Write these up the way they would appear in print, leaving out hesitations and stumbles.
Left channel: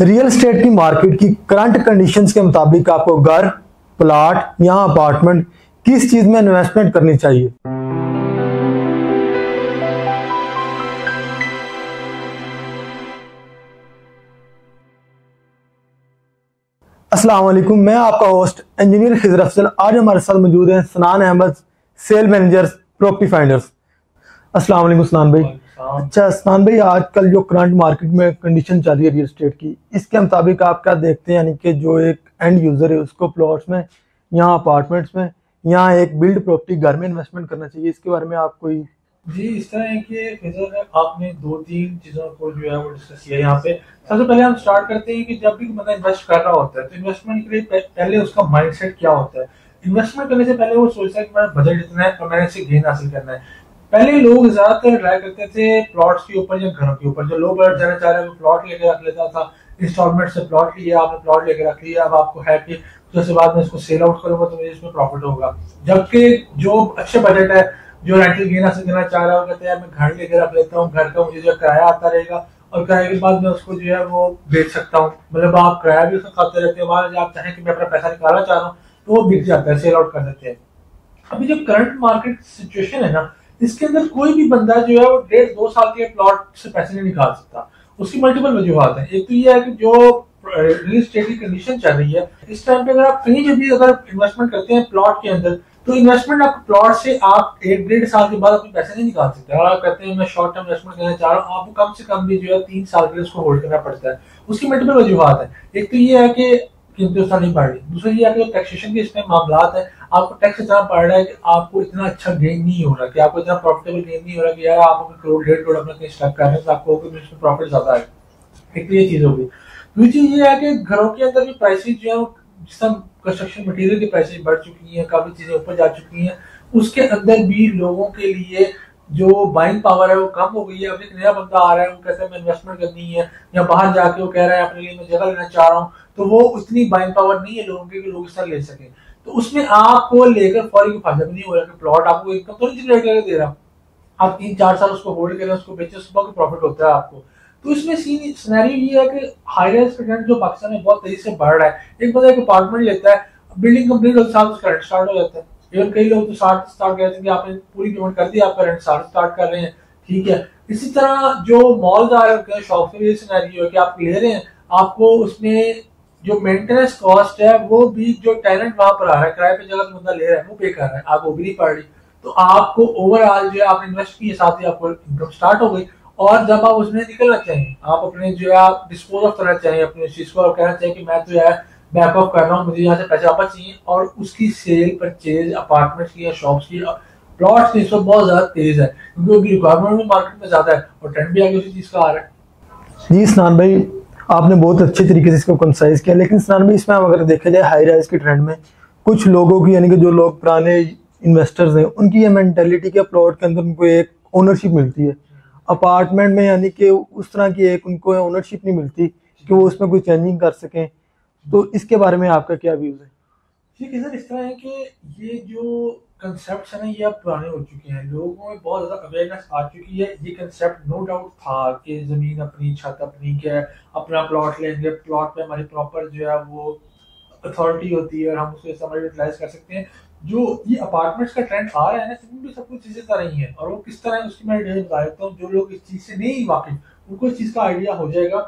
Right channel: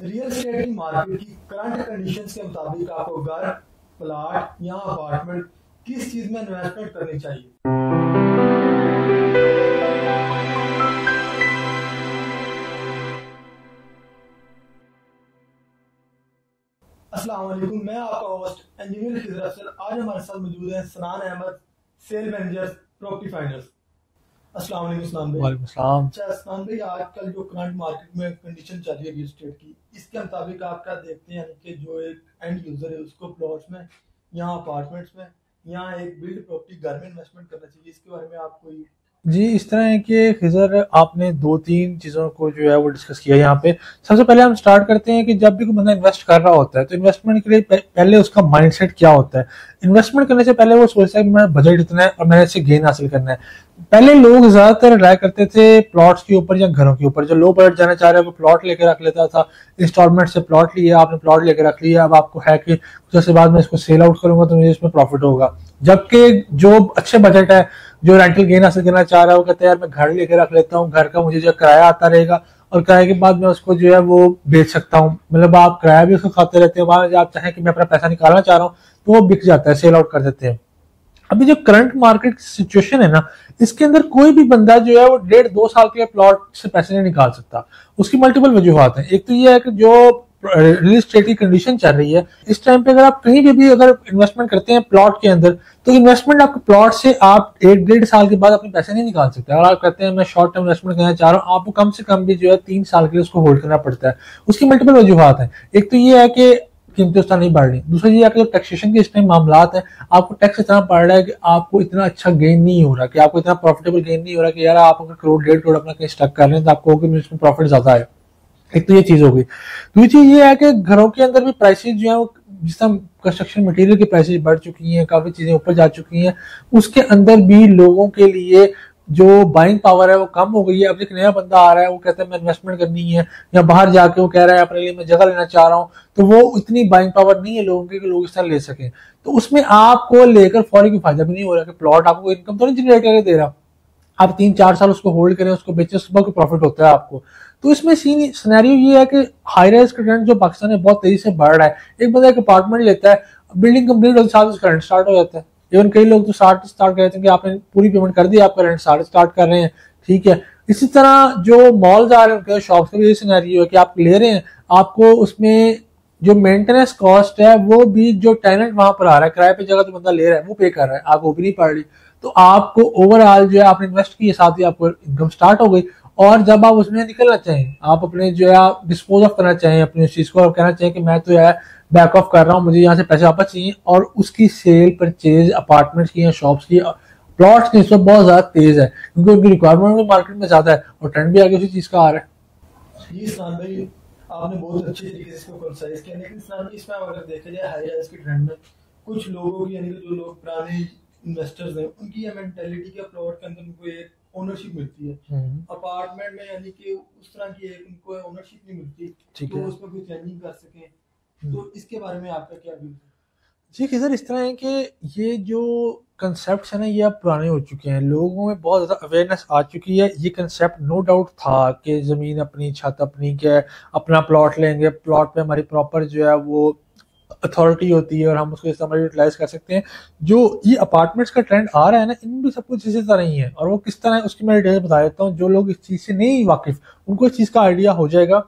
Real estate की market की current conditions के मुताबिक आपको घर, प्लॉट या अपार्टमेंट किस चीज में इन्वेस्टमेंट करनी चाहिए। अस्सलाम वालेकुम, मैं आपका होस्ट इंजीनियर खिजर अफजल। आज हमारे साथ मौजूद हैं Sanan Ahmed, sale manager, Property Finders. अस्सलाम वालेकुम सनान भाई। अच्छा सनान भाई, आजकल जो करंट मार्केट में कंडीशन चल रही है रियल एस्टेट की, इसके मुताबिक आप क्या देखते हैं, यानी कि जो एक एंड यूजर है उसको प्लॉट्स में या अपार्टमेंट्स में या एक बिल्ड प्रॉपर्टी घर में इन्वेस्टमेंट करना चाहिए, इसके बारे में आप कोई। जी, इस तरह है कि खिजर आपने दो तीन चीज़ों को जो है वो डिस्कस किया यहाँ पे। सबसे पहले हम स्टार्ट करते हैं कि जब भी कोई बंदा इन्वेस्ट कर रहा होता है तो इन्वेस्टमेंट के लिए पहले उसका माइंडसेट क्या होता है। इन्वेस्टमेंट करने से पहले वो सोचता है कि मेरा बजट इतना है और मैंने इससे गेन हासिल करना है। पहले लोग ज्यादातर राय करते थे प्लॉट्स के ऊपर या घरों के ऊपर। जो लो बजट जाना चाह रहे हैं वो प्लॉट लेकर रख लेता था, इंस्टॉलमेंट से प्लॉट लिया, आपने प्लॉट लेकर रख लिया, अब आपको है कि कुछ बाद में इसको सेल आउट करूंगा तो मुझे इसमें प्रॉफिट होगा। जबकि जो अच्छे बजट है, जो रेंटल गेन हासिल करना चाह रहा है, वो कहते हैं मैं घर लेकर रख लेता हूँ, घर का मुझे जो किराया आता रहेगा और किराए के बाद मैं उसको जो है वो बेच सकता हूँ। मतलब आप किराया भी उसको खाते रहते हैं, वहां आप चाहें कि मैं अपना पैसा निकालना चाह रहा हूँ तो वो बिक जाता है, सेल आउट कर देते हैं। अभी जो करंट मार्केट सिचुएशन है ना, इसके अंदर कोई भी बंदा जो है वो 1.5-2 साल के प्लॉट से पैसे नहीं निकाल सकता। उसकी मल्टीपल वजूहत है। एक तो ये है कि जो रियल एस्टेट की कंडीशन चल रही है इस टाइम पे, अगर आप कहीं पे भी अगर इन्वेस्टमेंट करते हैं प्लॉट के अंदर, तो इन्वेस्टमेंट आपके प्लॉट से आप 1-1.5 साल के बाद अपने पैसे नहीं निकाल सकते। अगर आप कहते हैं मैं शॉर्ट टर्म इन्वेस्टमेंट करना चाह रहा हूँ, आपको कम से कम भी जो है 3 साल के लिए उसको होल्ड करना पड़ता है। उसकी मल्टीपल वजूहत है। एक तो ये है कि कीमतें उस तरह नहीं बढ़ रही। दूसरा ये है कि टैक्सेशन के इसमें मामला है, आपको टैक्स इतना पड़ रहा है कि आपको इतना अच्छा गेन नहीं हो रहा, कि आपको इतना प्रॉफिटेबल गेन नहीं हो रहा कि यार आप अगर करोड़ 1.5 करोड़ अपना कहीं स्टक कर रहे हैं तो आपको इसमें प्रॉफिट ज्यादा है। एक तो ये चीज हो गई। दूसरी चीज ये है कि घरों के अंदर भी प्राइसेस जो है, जिस तरह कंस्ट्रक्शन मटेरियल की प्राइसेस बढ़ चुकी हैं, काफी चीजें ऊपर जा चुकी हैं, उसके अंदर भी लोगों के लिए जो बाइंग पावर है वो कम हो गई है। अब एक नया बंदा आ रहा है, वो कहता है मैं इन्वेस्टमेंट करनी है, या बाहर जाके वो कह रहा है अपने लिए मैं जगह लेना चाह रहा हूँ, तो वो इतनी बाइंग पावर नहीं है लोगों की कि लोग इस तरह ले सकें। तो उसमें आपको लेकर फौरी कोई फायदा भी नहीं हो रहा कि प्लॉट आपको इनकम तो नहीं जनरेट करके दे रहा। आप 3-4 साल उसको होल्ड करें, उसको बेचें, उसके बाद प्रॉफिट होता है आपको। तो इसमें सीन सिनेरियो ये है कि हाई राइज का ट्रेंड जो पाकिस्तान में बहुत तेजी से बढ़ रहा है। एक बंदा एक अपार्टमेंट लेता है, बिल्डिंग कंप्लीट होने के साथ उसका रेंट स्टार्ट हो जाता है। इवन कई लोग तो स्टार्ट कहते हैं कि आपने पूरी पेमेंट कर दी, आपका रेंट स्टार्ट कर रहे हैं, ठीक है। इसी तरह जो मॉल्स आ रहे हैं उनके शॉप के भी सिनेरियो है कि आप ले रहे हैं, आपको उसमें जो मेंटेनेंस कॉस्ट है वो भी जो टेनेंट वहां पर आ रहा है, किराए पे जगह जो बंदा ले रहा है वो पे कर रहा है, आपको भी नहीं पड़ रही। तो आपको ओवरऑल जो है आपने इन्वेस्ट किए, साथ ही आपको इनकम स्टार्ट हो गई। और जब आप उसमें निकलना चाहें, आप अपने जो है आप डिस्पोज ऑफ करना चाहें अपनी चीज को, आप कहना चाहें कि मैं तो यार बैक ऑफ कर रहा हूँ, मुझे यहाँ से पैसे वापस चाहिए, और उसकी सेल परचेज अपार्टमेंट्स की या शॉप्स की, प्लॉट्स की इस वक्त बहुत ज्यादा तेज है, क्योंकि उनकी रिक्वायरमेंट भी मार्केट में ज्यादा है और ट्रेंड भी आगे उसी चीज का आ रहा है। जी सनान भाई, आपने बहुत अच्छे तरीके से इसको कंसाइज किया, लेकिन सनान भाई इसमें अगर देखा जाए हाई राइज के ट्रेंड में कुछ लोगों की, यानी कि जो लोग पुराने इन्वेस्टर्स हैं, उनकी ये मेंटेलिटी के प्लॉट के अंदर उनको एक ओनरशिप मिलती है। अपार्टमेंट में यानी कि उस तरह की एक उनको ओनरशिप नहीं मिलती कि वो उसमें कोई चेंजिंग कर सकें। तो इसके बारे में आपका क्या व्यूज है? जी कि सर, इस तरह है कि ये जो कंसेप्ट है ना, ये अब पुराने हो चुके हैं, लोगों में बहुत ज़्यादा अवेयरनेस आ चुकी है। ये कंसेप्ट नो डाउट था कि ज़मीन अपनी, छत अपनी, के अपना प्लॉट लेंगे, प्लॉट पे हमारी प्रॉपर जो है वो अथॉरिटी होती है और हम उसको इस तरह यूटिलाइज कर सकते हैं। जो ये अपार्टमेंट्स का ट्रेंड आ रहा है ना, इनमें भी सब कुछ इसी तरह ही है। और वो किस तरह है उसकी मैं डिटेल बता देता हूँ। जो लोग इस चीज़ से नहीं वाकिफ, उनको इस चीज़ का आइडिया हो जाएगा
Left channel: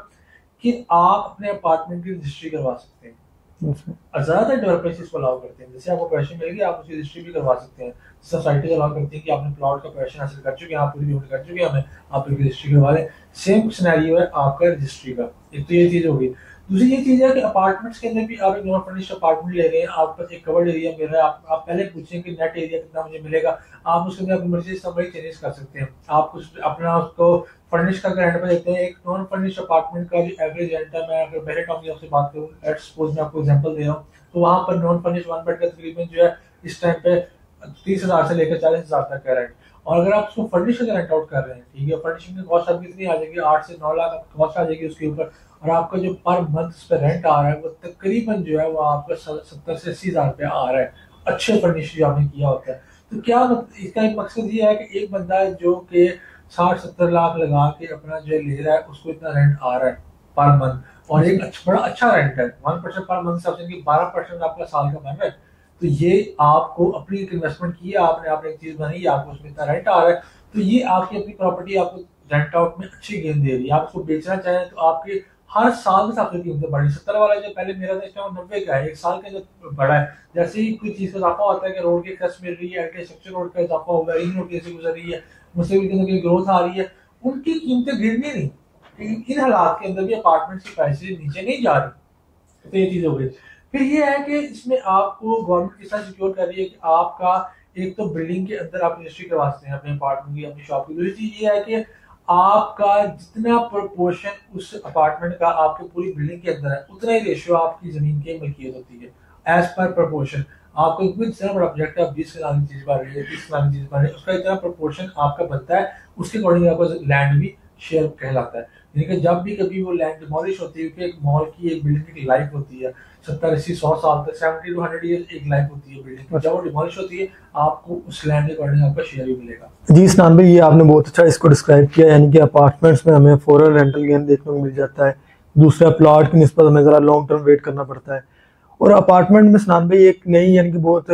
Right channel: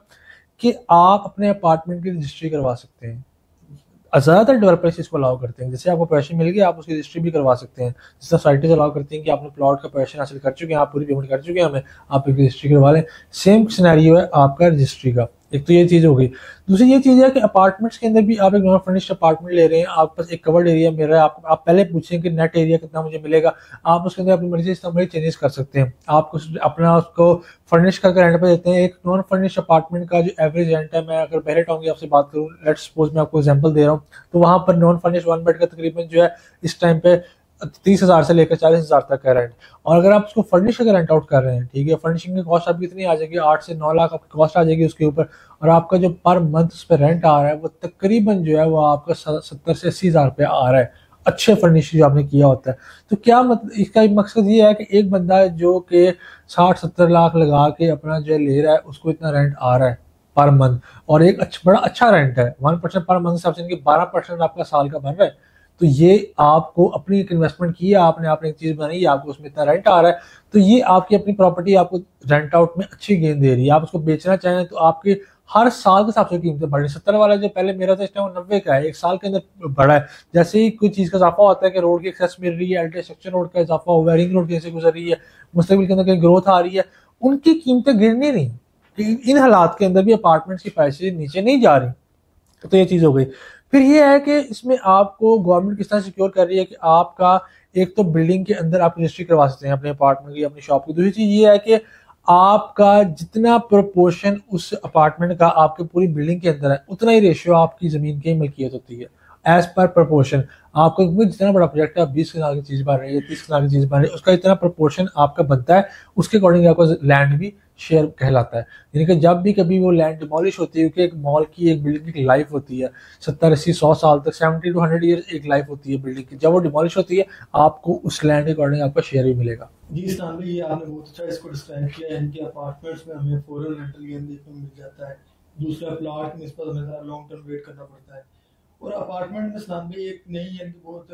कि आप अपने अपार्टमेंट की रजिस्ट्री करवा सकते हैं। ज्यादातर डेवलपर्स इसको अलाउ करते हैं, जैसे आपको पैसे मिल गए आप उसकी रजिस्ट्री भी करवा सकते हैं। जिस सोसाइटीज अलाउ करती हैं कि आपने प्लॉट का पैसे हासिल कर चुके हैं, आप पूरी पेमेंट कर चुके हैं, हमें आप एक रजिस्ट्री करवा लें। सेम सिनेरियो है आपका रजिस्ट्री का। एक तो ये चीज हो गई। दूसरी ये चीज है कि अपार्टमेंट्स के अंदर भी आप एक नॉन फर्निश्ड अपार्टमेंट ले रहे हैं, आप पास एक कवर्ड एरिया मिल रहा है, आप पहले पूछें कि नेट एरिया कितना मुझे मिलेगा, आप उसके अंदर अपनी मर्जी से चेंजेस कर सकते हैं। आप कुछ अपना उसको फर्निश करके रेंट पे देते हैं। एक नॉन फर्निश्ड अपार्टमेंट का जो एवरेज रेंट है, मैं अगर पहले टाउन की आपसे बात करूँ, लेट्स सपोज मैं आपको एग्जांपल दे रहा हूँ, तो वहां पर नॉन फर्निश्ड 1 बेड का तकरीबन जो है इस टाइम पे 30,000 से लेकर 40,000 तक का रेंट। और अगर आप उसको फर्निश करके रेंट आउट कर रहे हैं, ठीक है, फर्निशिंग की कॉस्ट आपकी इतनी आ जाएगी, 8 से 9 लाख आपकी कॉस्ट आ जाएगी उसके ऊपर, और आपका जो पर मंथ उस पर रेंट आ रहा है वो तकरीबन जो है वो आपका 70 से 80,000 रुपया आ रहा है, अच्छे फर्निश जो आपने किया होता है। तो क्या मतलब इसका एक मकसद ये है कि एक बंदा जो कि 60-70 लाख लगा के अपना जो ले रहा है, उसको इतना रेंट आ रहा है, पर मंथ, और एक बड़ा अच्छा रेंट है 1% पर मंथ से इनके 12% आपका साल का बन रहा है। तो ये आपको अपनी एक इन्वेस्टमेंट की है आपने, आपने एक चीज बनाई, आपको उसमें इतना रेंट आ रहा है, तो ये आपकी अपनी प्रॉपर्टी आपको रेंट आउट में अच्छी गेन दे रही है। आप उसको बेचना चाहें तो आपके हर साल के हिसाब से कीमतें बढ़ रही है। 70 वाला जो पहले मेरा था इस टाइम 90 का है, एक साल के अंदर बढ़ा है। जैसे ही कोई चीज का इजाफा होता है कि रोड की एक्सेस मिल रही है, इंफ्रास्ट्रक्चर रोड का इजाफा हुआ है, रिंग रोड जैसे गुजर रही है, मुस्तकबिल के अंदर कहीं ग्रोथ आ रही है, उनकी कीमतें गिरनी नहीं। इन हालात के अंदर भी अपार्टमेंट्स की प्राइसेस नीचे नहीं जा रही। तो ये चीज हो गई। फिर ये है कि इसमें आपको गवर्नमेंट किस तरह सिक्योर कर रही है कि आपका एक तो बिल्डिंग के अंदर आप रजिस्ट्री करवा सकते हैं अपने अपार्टमेंट की, अपनी शॉप की। दूसरी चीज ये है कि आपका जितना प्रोपोर्शन उस अपार्टमेंट का आपके पूरी बिल्डिंग के अंदर है, उतना ही रेशियो आपकी जमीन की मलकियत होती है एज पर प्रोपोर्शन। आपको जितना बड़ा प्रोजेक्ट है, 20 कनाल की चीज बन रही है, 30 कनाल की चीज बन रही है, उसका इतना प्रोपोर्शन आपका बनता है, उसके अकॉर्डिंग आपका लैंड भी शेयर कहलाता है। यानी कि जब भी कभी वो लैंड डिमोलिश होती है, क्योंकि एक मॉल की एक बिल्डिंग की लाइफ होती है 70 80 100 साल तक, 70 to 100 ईयर्स एक लाइफ होती है बिल्डिंग की, जब वो डिमोलिश होती है आपको उस लैंड के अकॉर्डिंग आपका शेयर भी मिलेगा। जी सनान भाई, ये आपने बहुत अच्छा इसको डिस्क्राइब किया, यानी कि अपार्टमेंट्स में हमें फॉरन रेंटल गेन देखने को मिल जाता है। दूसरा, प्लॉट की निस्बत हमें ज़रा लॉन्ग टर्म वेट करना पड़ता है। और अपार्टमेंट में सनान भाई एक नई यानी कि बहुत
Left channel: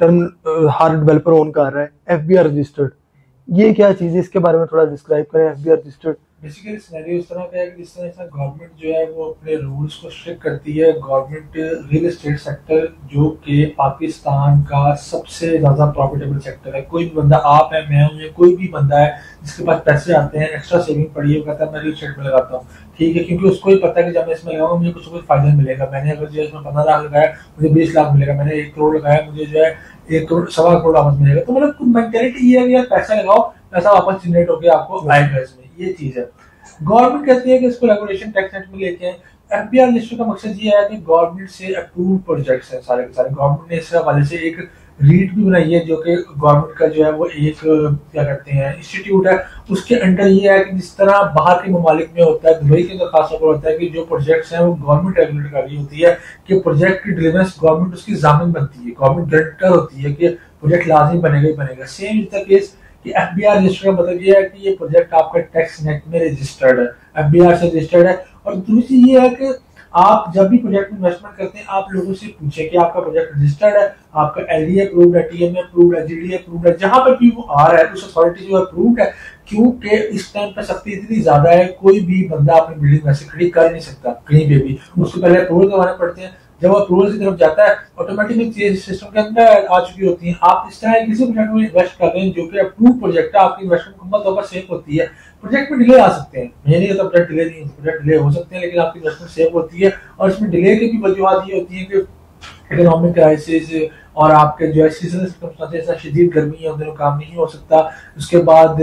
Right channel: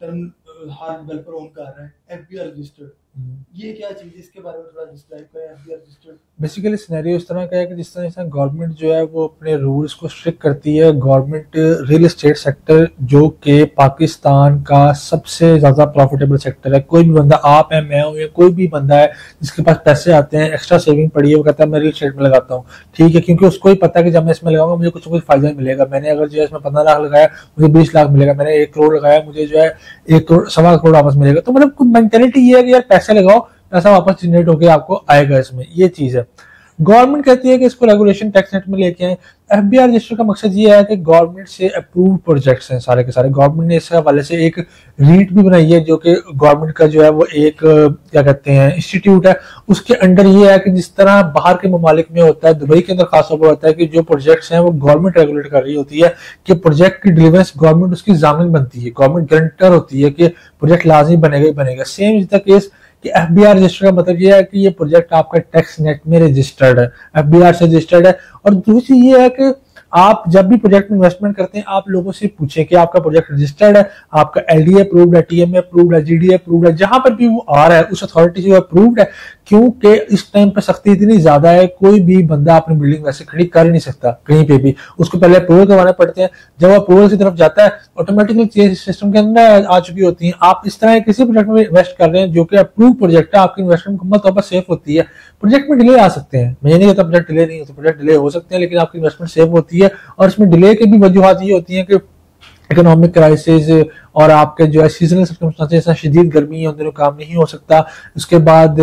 टर्म हर डेवलपर ओन कर रहा है, एफबीआर रजिस्टर्ड। ये क्या चीज़ है, इसके बारे में थोड़ा डिस्क्राइब करें। एफबीआर रजिस्टर्ड बेसिकली सिनेरियो इस तरह का है कि जिस तरह गवर्नमेंट जो है वो अपने रूल्स को स्ट्रिक्ट करती है। गवर्नमेंट रियल एस्टेट सेक्टर जो कि पाकिस्तान का सबसे ज़्यादा प्रॉफिटेबल सेक्टर है। कोई भी बंदा, आप है, मैं हूँ, या कोई भी बंदा है जिसके पास पैसे आते हैं, एक्स्ट्रा सेविंग पड़ी है, वो कहता है मैं रियल एस्टेट में लगाता हूँ, ठीक है, क्योंकि उसको ही पता है कि जब मैं इसमें लगाऊंगा मुझे कुछ ना कुछ फायदा मिलेगा। मैंने अगर जो है इसमें 15 लाख लगाया मुझे 20 लाख मिलेगा, मैंने 1 करोड़ लगाया मुझे जो है 1 करोड़ 1.25 करोड़ वापस मिलेगा। तो मतलब मेंटेलिटी ये है कि यार पैसे लगाओ, पैसा वापस जनरेट होकर आपको आएगा, इसमें ये चीज है। गवर्नमेंट कहती है कि इसको रेगुलेशन टैक्स नेट में लेके आए। एफबीआर रजिस्टर का मकसद ये है कि गवर्नमेंट से अप्रूव्ड प्रोजेक्ट्स हैं सारे के सारे। गवर्नमेंट ने इस हवाले से एक रीट भी बनाई है जो कि गवर्नमेंट का जो है वो एक क्या कहते हैं इंस्टीट्यूट है। उसके अंडर ये है कि जिस तरह बाहर के ममालिक में होता है, दुबई के अंदर खासतौर पर होता है कि जो प्रोजेक्ट्स हैं वो गवर्नमेंट रेगुलेट कर रही होती है कि प्रोजेक्ट की डिलीवरेंस गवर्नमेंट उसकी जामिन बनती है, गवर्नमेंट गारंटर होती है कि प्रोजेक्ट लाजमी बनेगा ही बनेगा। सेम इज द केस कि एफबीआर रजिस्टर का मतलब ये है कि ये प्रोजेक्ट आपका टैक्स नेट में रजिस्टर्ड है, एफबीआर से रजिस्टर्ड है। और दूसरी ये है कि आप जब भी प्रोजेक्ट में इन्वेस्टमेंट करते हैं आप लोगों से पूछें कि आपका प्रोजेक्ट रजिस्टर्ड है, आपका एलडीए अप्रूव्ड है, टीएमए अप्रूव्ड है, जीडीए अप्रूव्ड है, जहां पर भी वो आ रहा है उस अथॉरिटी से अप्रूव्ड है। क्योंकि इस टाइम पर सख्ती इतनी ज्यादा है, कोई भी बंदा अपनी बिल्डिंग वैसे खड़ी कर नहीं सकता कहीं पे भी, उसको पहले अप्रूवल करवाने पड़ते हैं। जब अप्रूवल की तरफ जाता है ऑटोमेटिकली सिस्टम के अंदर आ चुकी होती है। आप इस तरह किसी प्रोजेक्ट में इन्वेस्ट कर रहे हैं जो कि अप्रूव प्रोजेक्ट है, आपकी इन्वेस्टमेंट मुकम्मल तौर पर सेफ होती है। प्रोजेक्ट में डिले आ सकते हैं, मैं नहीं कहता प्रोजेक्ट डिले नहीं होते, प्रोजेक्ट डिले हो सकते हैं, लेकिन आपकी इन्वेस्टमेंट सेफ होती है। और इसमें डिले की भी वजूहत ये होती है कि इकोनॉमिक क्राइसिस और आपके जो है सीजनल सर्कमस्टेंसेस, शदीद गर्मी है उन दिनों काम नहीं हो सकता। उसके बाद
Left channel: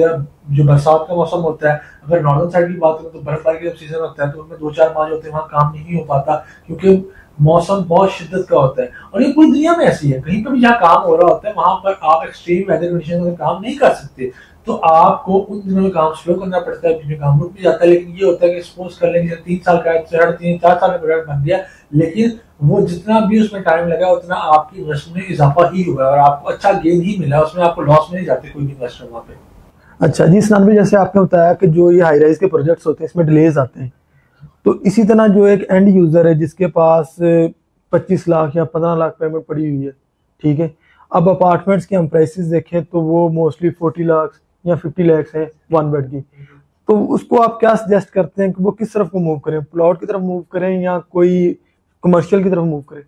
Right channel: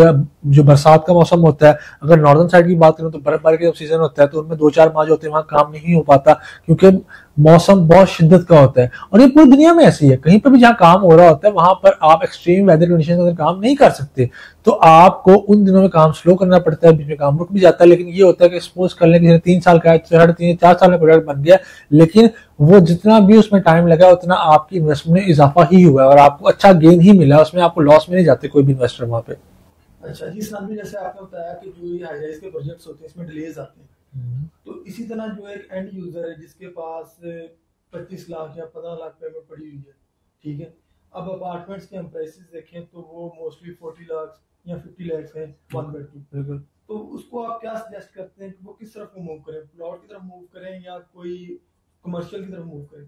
जो बरसात का मौसम होता है, अगर नॉर्दर्न साइड की बात करें तो बर्फबारी का सीजन होता है तो उनमें 2-4 माह जो होते हैं वहां काम नहीं हो पाता क्योंकि मौसम बहुत शिद्दत का होता है। और ये पूरी दुनिया में ऐसी है, कहीं पर भी जहाँ काम हो रहा होता है वहां पर आप एक्सट्रीम वेदर कंडीशन में काम नहीं कर सकते, तो आपको उन दिनों में काम स्लो करना पड़ता है, बीच में काम रुक भी जाता है। लेकिन ये होता है कि सपोज कर लें कि 3 साल का है, 3.5-4 साल में प्रोजेक्ट बन गया, लेकिन वो जितना भी उसमें टाइम लगा उतना आपकी इन्वेस्टमेंट में इजाफा ही हुआ है और आपको अच्छा गेन ही मिला, उसमें आपको लॉस में नहीं जाते कोई भी इन्वेस्टर वहां पे। अच्छा जी सनान भाई, जैसे आपने बताया कि जो ये हाई राइज के प्रोजेक्ट्स होते हैं इसमें डिलेज आते हैं, तो इसी तरह जो एक एंड यूजर है जिसके पास 25 लाख या 15 लाख पेमेंट पड़ी हुई है, ठीक है, अब अपार्टमेंट्स के हम प्राइसेस देखें तो वो मोस्टली 40 लाख या 50 लाख है 1 बेड की, तो उसको आप क्या सजेस्ट करते हैं कि वो किस तरफ को मूव करें, प्लॉट की तरफ मूव करें या कोई कमर्शियल की तरफ मूव करें?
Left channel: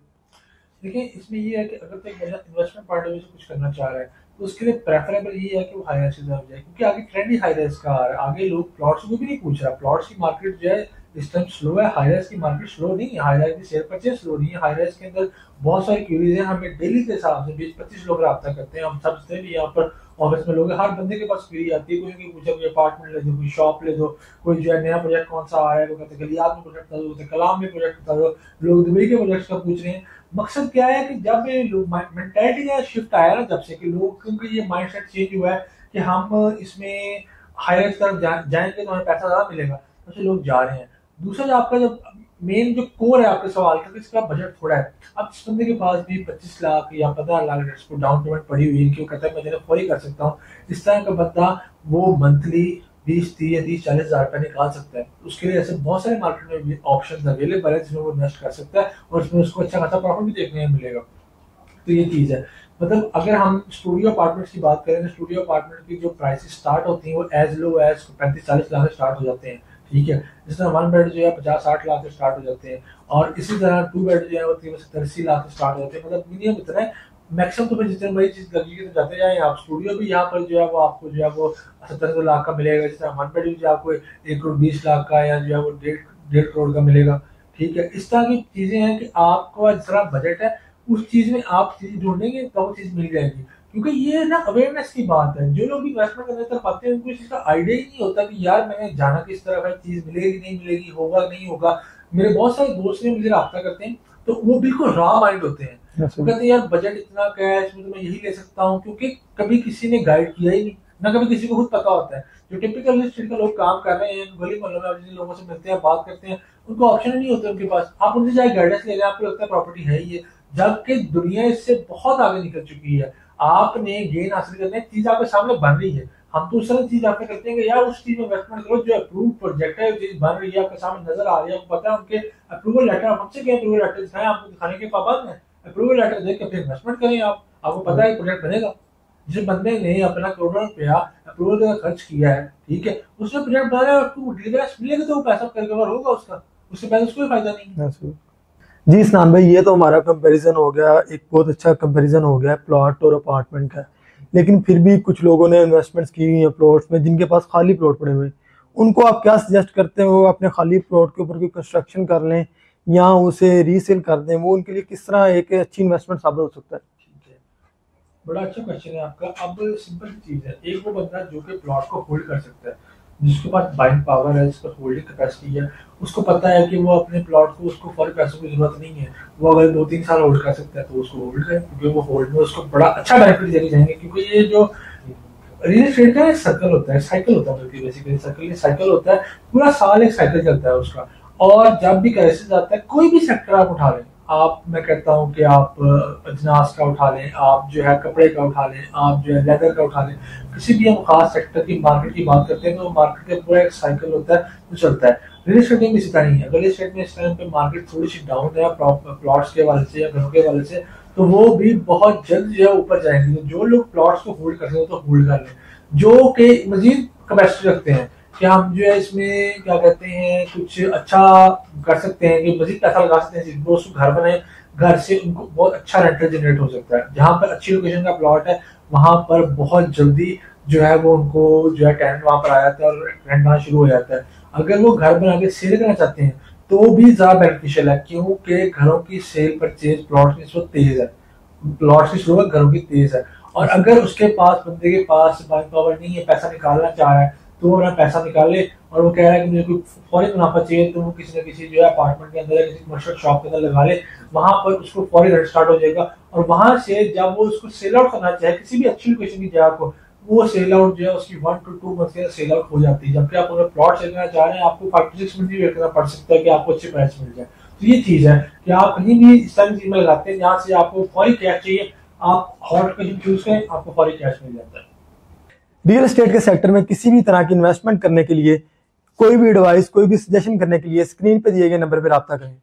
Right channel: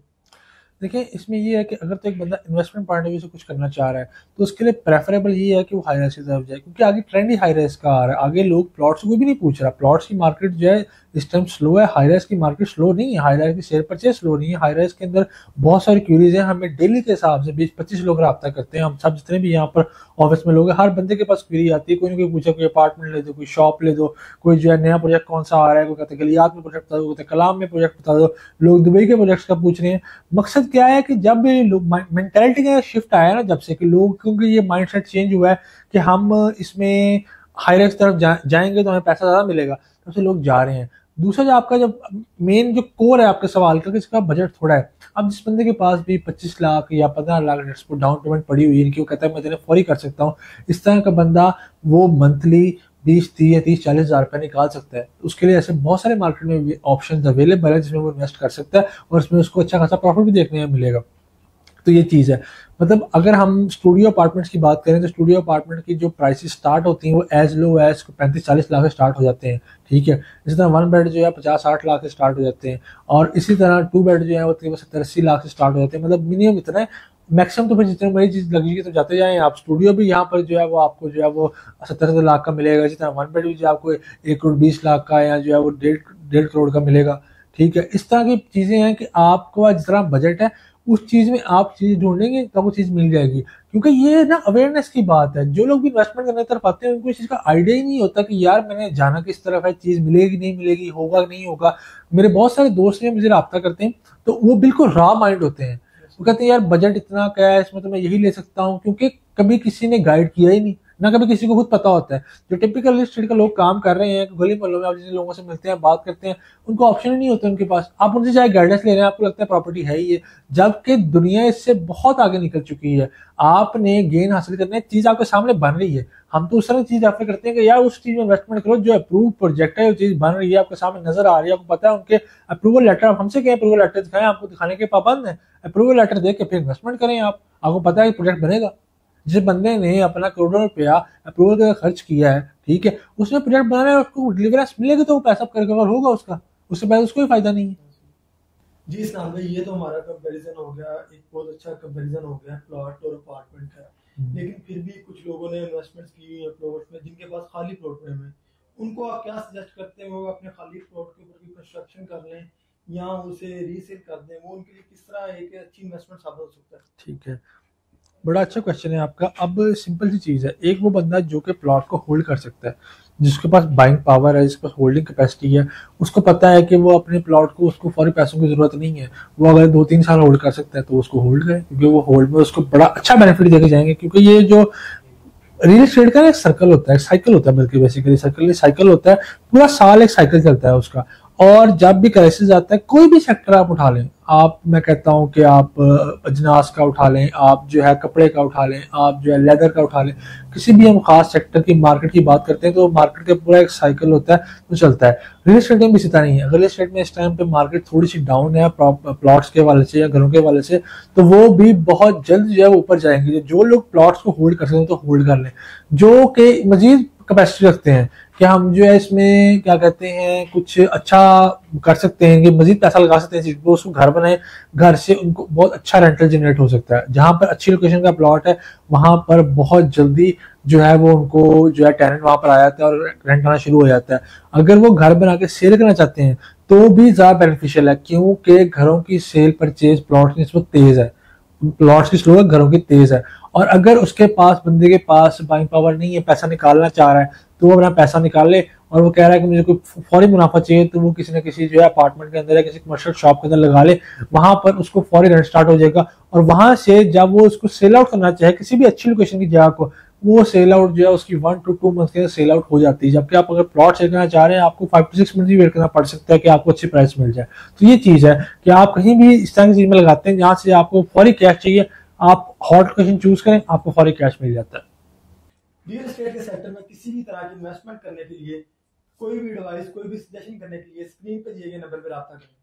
देखिए इसमें ये है कि अगर तो एक बंदा इन्वेस्टमेंट पॉइंट ऑफ व्यू से कुछ करना चाह रहा है तो उसके लिए प्रेफरेबल ये है कि वो हाई राइज की तरफ जाए, क्योंकि आगे ट्रेंड ही हाई राइज का आ रहा है। आगे लोग प्लॉट्स को भी नहीं पूछ रहा, प्लॉट्स की मार्केट जो है इस टाइम स्लो है, हाई राइज की मार्केट स्लो नहीं है, हाई राइज की शेयर परचेज स्लो नहीं है। हाई राइज के अंदर बहुत सारी क्यूरीज है, हमें डेली के हिसाब से 20-25 लोग रब्ता करते हैं, हम सब जितने भी यहाँ पर ऑफिस में लोग हैं, हर बंदे के पास क्यूरी आती है, कोई ना कोई पूछा कोई अपार्टमेंट ले दो, कोई शॉप ले दो, कोई जो है नया प्रोजेक्ट कौन सा आ रहा है, कोई कहते हैं गलियात में प्रोजेक्ट बता दो, कहते कलाम में प्रोजेक्ट बता दो, लोग दुबई के प्रोजेक्ट्स का पूछ रहे हैं। मकसद क्या है कि जब लोग मेंटेलिटी का शिफ्ट आया ना, जब से कि लोग क्योंकि ये माइंडसेट चेंज हुआ है कि हम इसमें हाई राइज तरफ जाएंगे तो हमें पैसा ज्यादा मिलेगा, तब से लोग जा रहे हैं। दूसरा जो आपका जब मेन जो कोर है आपके सवाल का कि इसका बजट थोड़ा है, अब जिस बंदे के पास भी 25 लाख या 15 लाख डाउन पेमेंट पड़ी हुई है, वो कहता है मैं तेरे फौरी कर सकता हूँ, इस तरह का बंदा वो मंथली 20, 30 या 30, 40 हज़ार रुपये निकाल सकता है। उसके लिए ऐसे बहुत सारे मार्केट में ऑप्शन अवेलेबल है जिसमें वो इन्वेस्ट कर सकता है और उसमें उसको अच्छा खासा प्रॉफिट भी देखने में मिलेगा। तो ये चीज़ है। मतलब अगर हम स्टूडियो अपार्टमेंट्स की बात करें तो स्टूडियो अपार्टमेंट की जो प्राइसेस स्टार्ट होती हैं वो एज लो एज 35-40 लाख से स्टार्ट हो जाते हैं, ठीक है। इसी तरह 1 बेड जो है 50-60 लाख से स्टार्ट हो जाते हैं, और इसी तरह 2 बेड जो है वो 70-80 लाख से स्टार्ट हो जाते हैं। मतलब मिनिमम इतना है, मैक्सिमम तो फिर जितनी बड़ी चीज़ लगेगी तो जाते जाए आप। स्टूडियो भी यहाँ पर जो है वो आपको जो है वो 70-80 लाख का मिलेगा। इसी तरह 1 बेड भी जो है आपको 1 करोड़ 20 लाख का या जो है वो 1.5 करोड़ का मिलेगा, ठीक है। इस तरह की चीज़ें हैं कि आपको जितना बजट है उस चीज में आप चीज ढूंढेंगे तो वो चीज मिल जाएगी। क्योंकि ये ना अवेयरनेस की बात है, जो लोग भी इन्वेस्टमेंट करने तरफ आते हैं उनको इस चीज का आइडिया ही नहीं होता कि यार मैंने जाना किस तरफ है, चीज मिलेगी नहीं मिलेगी, होगा नहीं होगा। मेरे बहुत सारे दोस्त हैं मुझे राब्ता करते हैं तो वो बिल्कुल रॉ माइंड होते हैं, वो कहते हैं यार बजट इतना क्या है इसमें तो मैं यही ले सकता हूँ, क्योंकि कभी किसी ने गाइड किया ही नहीं, ना कभी किसी को खुद पता होता है। जो टिपिकल रियल एस्टेट का लोग काम कर रहे हैं गली मोहल्लों में, आप जिन लोगों से मिलते हैं बात करते हैं, उनको ऑप्शन ही नहीं होता उनके पास। आप उनसे चाहे गाइडेंस ले रहे हैं, आपको लगता है प्रॉपर्टी है ही है, जबकि दुनिया इससे बहुत आगे निकल चुकी है। आपने गेन हासिल करने चीज आपके सामने बन रही है, हम तो उस तरह चीज आपने करते हैं कि यार उस चीज में इन्वेस्टमेंट करो जो अप्रूव प्रोजेक्ट है, जो चीज बन रही है आपके सामने नजर आ रही है, आपको पता है उनके अप्रूवल लेटर, आप हमसे कहें अप्रूवल लेटर दिखाएं, आपको दिखाने के पाबंद है। अप्रूवल लेटर देख के फिर इन्वेस्टमेंट करें आप, आपको पता है प्रोजेक्ट बनेगा। जिस बंदे ने अपना करोड़ों रुपया अप्रूवल का खर्च किया है, ठीक है, उसने प्रोजेक्ट बना है, उसको डिलीवरेंस मिलेगा तो वो पैसा कवर होगा उसका, उससे पहले उसको भी फायदा नहीं है। जी स्नान भाई, ये तो हमारा कंपैरिजन हो गया, एक बहुत अच्छा कंपैरिजन हो गया प्लॉट और अपार्टमेंट का। लेकिन फिर भी कुछ लोगों ने इन्वेस्टमेंट्स की हुई हैं प्लॉट्स में, जिनके पास खाली प्लॉट पड़े हुए हैं, उनको आप क्या सजेस्ट करते हैं वो अपने खाली प्लॉट के ऊपर कोई कंस्ट्रक्शन कर लें या उसे रीसेल कर दें? वो उनके लिए किस तरह एक अच्छी इन्वेस्टमेंट साबित हो सकता है? ठीक है, बड़ा अच्छा क्वेश्चन है आपका। अब सिंपल सी चीज़ है, एक वो बंदा जो कि प्लॉट को होल्ड कर सकता है, जिसके पास बाइंग पावर है, जिसके पास होल्डिंग कैपेसिटी है, उसको पता है कि वो अपने प्लॉट को, उसको फौरी पैसों की जरूरत नहीं है, वो अगर 2-3 साल होल्ड कर सकता है तो उसको होल्ड करे, क्योंकि वो होल्ड में उसको बड़ा अच्छा बेनिफिट देके जाएंगे। क्योंकि ये जो रियल एस्टेट का एक सर्कल होता है, साइकिल होता है, बल्कि बेसिकली साइकिल होता है, पूरा साल एक साइकिल चलता है उसका। और जब भी क्राइसिस आता है, कोई भी सेक्टर आप उठा लें, आप, मैं कहता हूं कि आप अजनास का उठा लें, आप जो है कपड़े का उठा लें, आप जो है लेदर का उठा लें, किसी भी हम खास सेक्टर की मार्केट की बात करते हैं तो मार्केट का पूरा एक साइकिल होता है जो चलता है। रियल एस्टेट में भी इसी तरह नहीं है। रियल एस्टेट में इस टाइम पे मार्केट थोड़ी सी डाउन है प्लॉट्स के हवाले से या घरों के हवाले से, तो वो भी बहुत जल्द जो है ऊपर जाएंगे। जो लोग प्लॉट्स को होल्ड कर सकते हैं तो होल्ड कर लें, जो कि मजीद कैपेसिटी रखते हैं कि हम जो है इसमें क्या कहते हैं कुछ अच्छा कर सकते हैं, कि मजीद पैसा लगा सकते हैं, तो उसको घर बनाए, घर से उनको बहुत अच्छा रेंटल जनरेट हो सकता है। जहां पर अच्छी लोकेशन का प्लॉट है वहां पर बहुत जल्दी जो है वो उनको जो है टेनेंट वहां पर आ जाता है और रेंट आना शुरू हो जाता है। अगर वो घर बना के सेल करना चाहते हैं तो भी ज्यादा बेनिफिशियल है, क्योंकि घरों की सेल परचेज प्लॉट की निस्बत तेज है, प्लॉट्स की स्लो है, घरों की तेज है। और अगर उसके पास, बंदे के पास बाइंग पावर नहीं है, पैसा निकालना चाह रहा है, तो वो अपना पैसा निकाल ले, और वो कह रहा है कि मुझे कोई फौरी मुनाफा चाहिए, तो वो किसी न किसी जो है अपार्टमेंट के अंदर या किसी कमर्शियल शॉप के अंदर लगा ले, वहां पर उसको फौरी रेंट स्टार्ट हो जाएगा। और वहां से जब वो उसको सेल आउट करना चाहे किसी भी अच्छी लोकेशन की जगह को, वो सेल आउट जो है उसकी 1 to 2 मंथ के अंदर सेल आउट हो जाती है। जबकि आप अगर प्लॉट सेल करना चाह रहे हैं आपको 5 to 6 मंथ भी वेट करना पड़ सकता है कि आपको अच्छी प्राइस मिल जाए। तो ये चीज है कि आप कहीं भी इस तरह की चीज में लगाते हैं जहां से आपको फौरी कैश चाहिए, आप हॉट लोकेशन चूज करें, आपको फौरी कैश मिल जाता है। रियल एस्टेट के सेक्टर में किसी भी तरह की इन्वेस्टमेंट करने के लिए, कोई भी एडवाइस, कोई भी सजेशन करने के लिए स्क्रीन पे दिए गए नंबर पर राब्ता करें।